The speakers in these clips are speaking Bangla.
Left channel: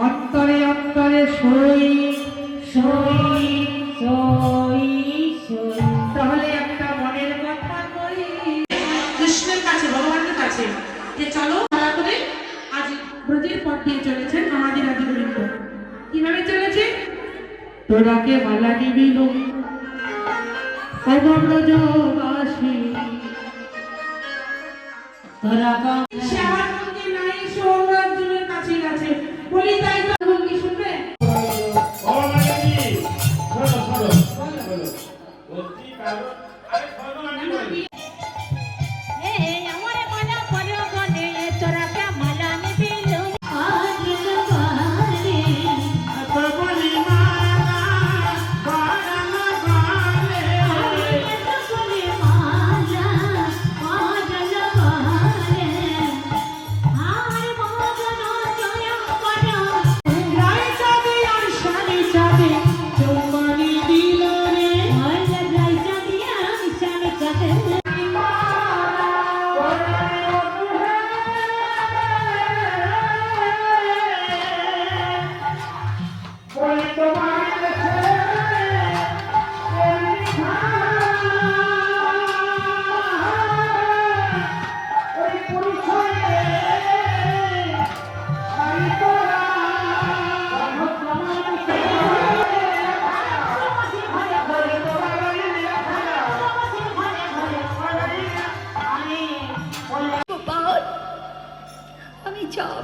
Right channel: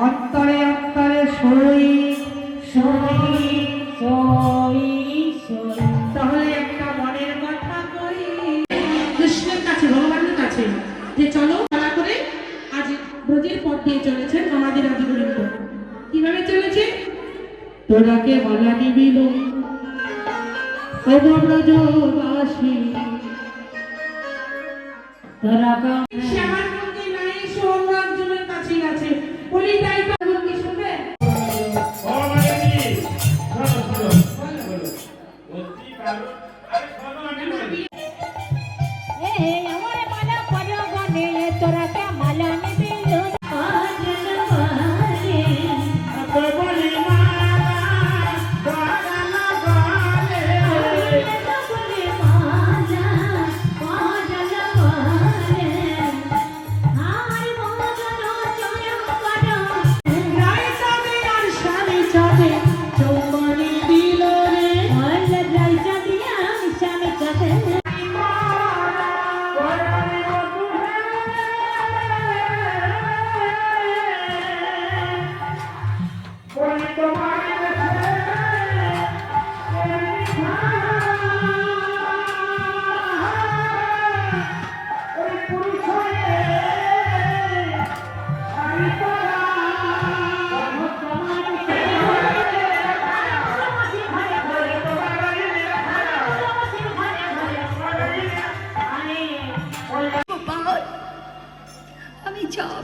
অন্তরে অন্তরে সই সই তাহলে একটা মনের কথা করি কৃষ্ণের কাছে ভগবানের কাছে যে চলো মালা করে আজ ব্রজের পথ দিয়ে চলেছেন আমাদের আদি গোবিন্দ কীভাবে চলেছে? তোরাকে মালা নিবিল ব্রজবাসী তোরা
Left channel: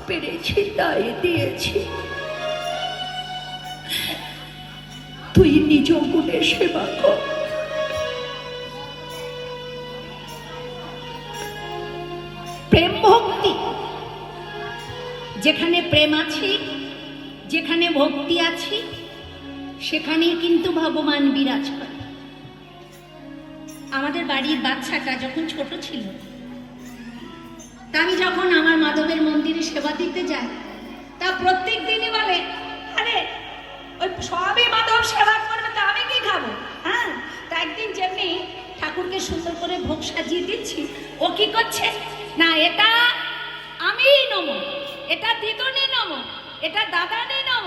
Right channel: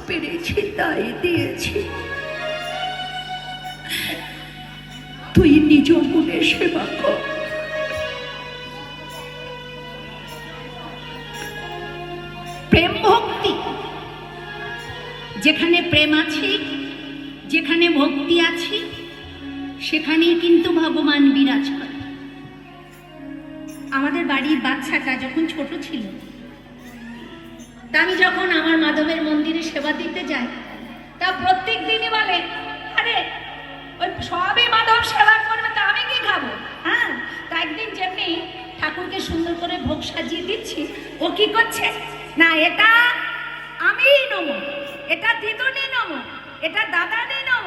পেরেছি তাই দিয়েছি। তুই নিজ মনে সেবা কর। প্রেম ভক্তি, যেখানে প্রেম আছে, যেখানে ভক্তি আছে, সেখানেই কিন্তু ভগবান বিরাজ করে আমাদের বাড়ির বাচ্চাটা যখন ছোট ছিল আমি যখন আমার মাধবের মন্দিরে সেবা দিতে যাই তা প্রত্যেক সাজিয়ে দিচ্ছি। ও কি করছে? না, এটা আমি নম এটা দিদুনি নম এটা দাদানি নম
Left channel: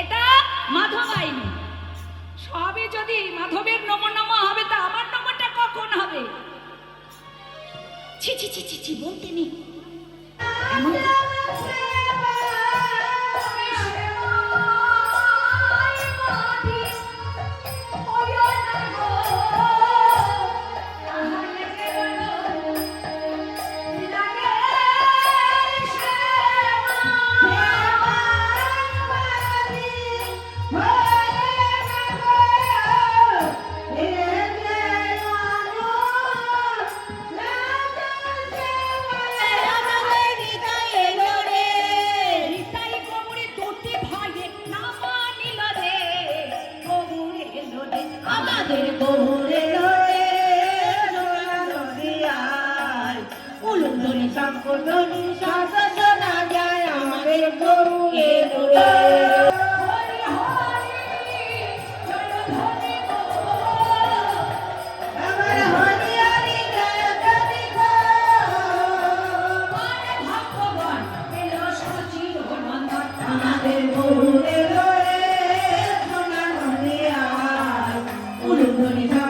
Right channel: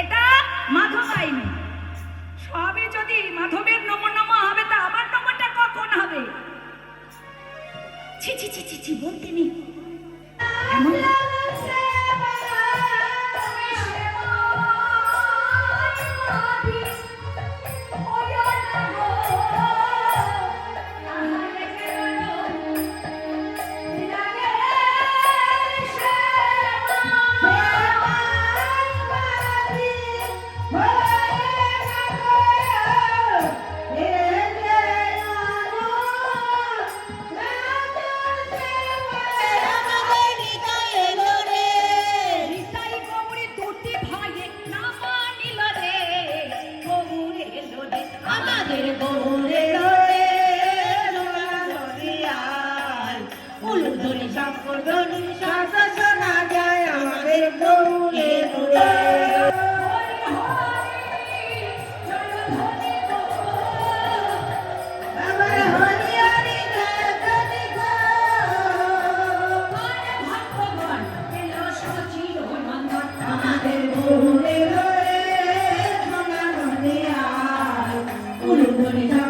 এটা মাধবাই নম সবই যদি মাধবের নম নম হবে, তা আমার নমটা কখন হবে? ছি ছি ছি ছি বলতে নেই। Gracias.